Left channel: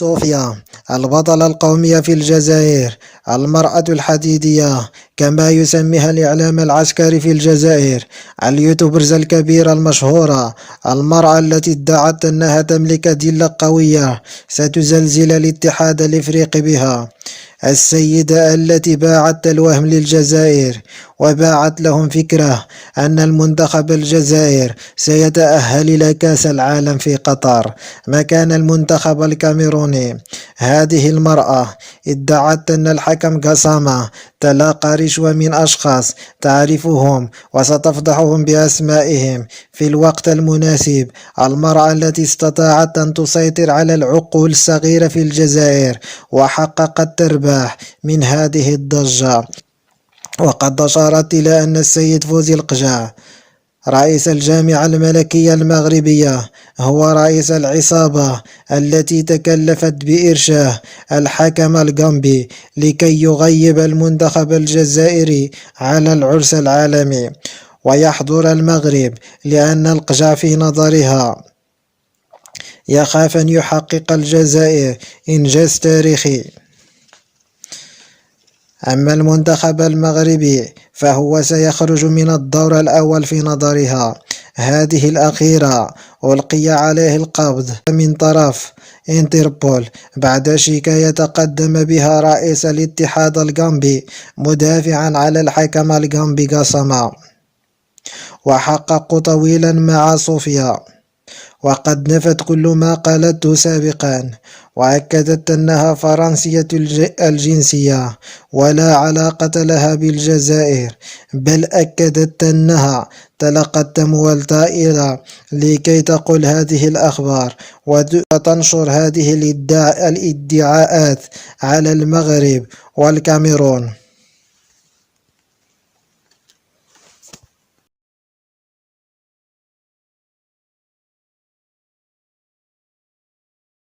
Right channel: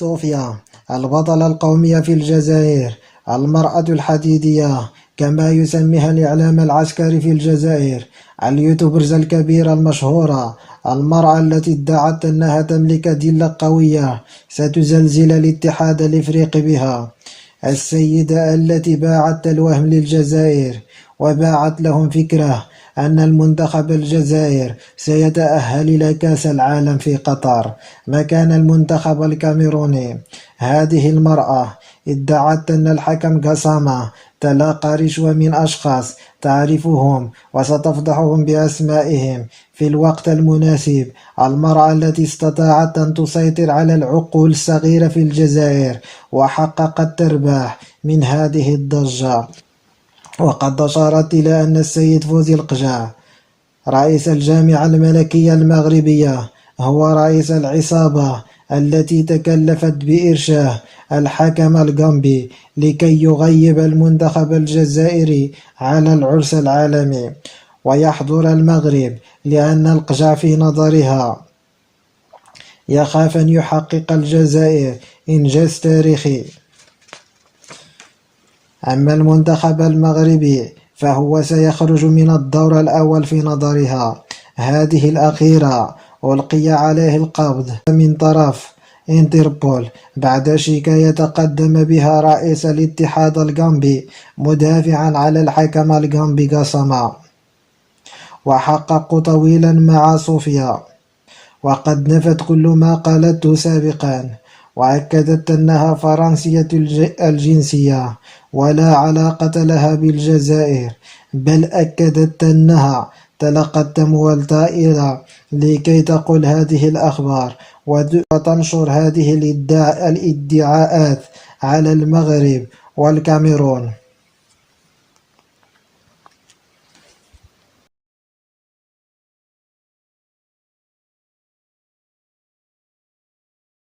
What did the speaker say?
صوفيا البطلة القومية في الجزائر، المرأة الحديدية كما يسميها الإعلام العسكري في الجزائر، اليوتيوبرز الكبيرة المشهورة، المرأة التي ادعت أنها تملك أدلة قوية ستزلزل الاتحاد الإفريقي بها، السيدة التي باعت الوهم للجزائر وباعت لهم فكرة أن المنتخب الجزائر سيتأهل إلى كأس العالم في قطر مكان المنتخب الكاميروني. هذه المرأة ادعت أن الحكم قسامة تلقى رشوة من أشخاص تعرفهم وستفضحهم بأسمائهم في الوقت المناسب. المرأة التي استطاعت أن تسيطر على العقول الصغيرة في الجزائر وحققت تربح من هذه الضجة، وقد أشارت إلى أن السيد فوزي القجع رئيس الجامعة الملكية المغربية هو رئيس العصابة التي تكلفت بإرشاه الحكم الغامبي لكي يغيب المنتخب الجزائري على العرس العالمي ويحضر المغرب، لأن القجع في نظرها يخاف أن يحقق الجزائر إنجاز تاريخي. أما المنتخب المغربي فهو سيخرج من الدور الأول في نظرها. هذه الأخيرة ألقي عليه القبض من طرف انتربول بعد شكاية تقدم بها رئيس الاتحاد الغامبي مدافعا على الحكم الغامبي قسامة، وحققوا طويلا مع صوفيا وقد نفت كل ما قالته سابقا، وأكدت أنها فرنسية الجنسية ولا علاقة لها بالجزائر، بل أكدت أنها تلقت أموال طائلة لكي تقول هذه الأخبار وتنشر هذه الادعاءات على المغرب والكاميرون.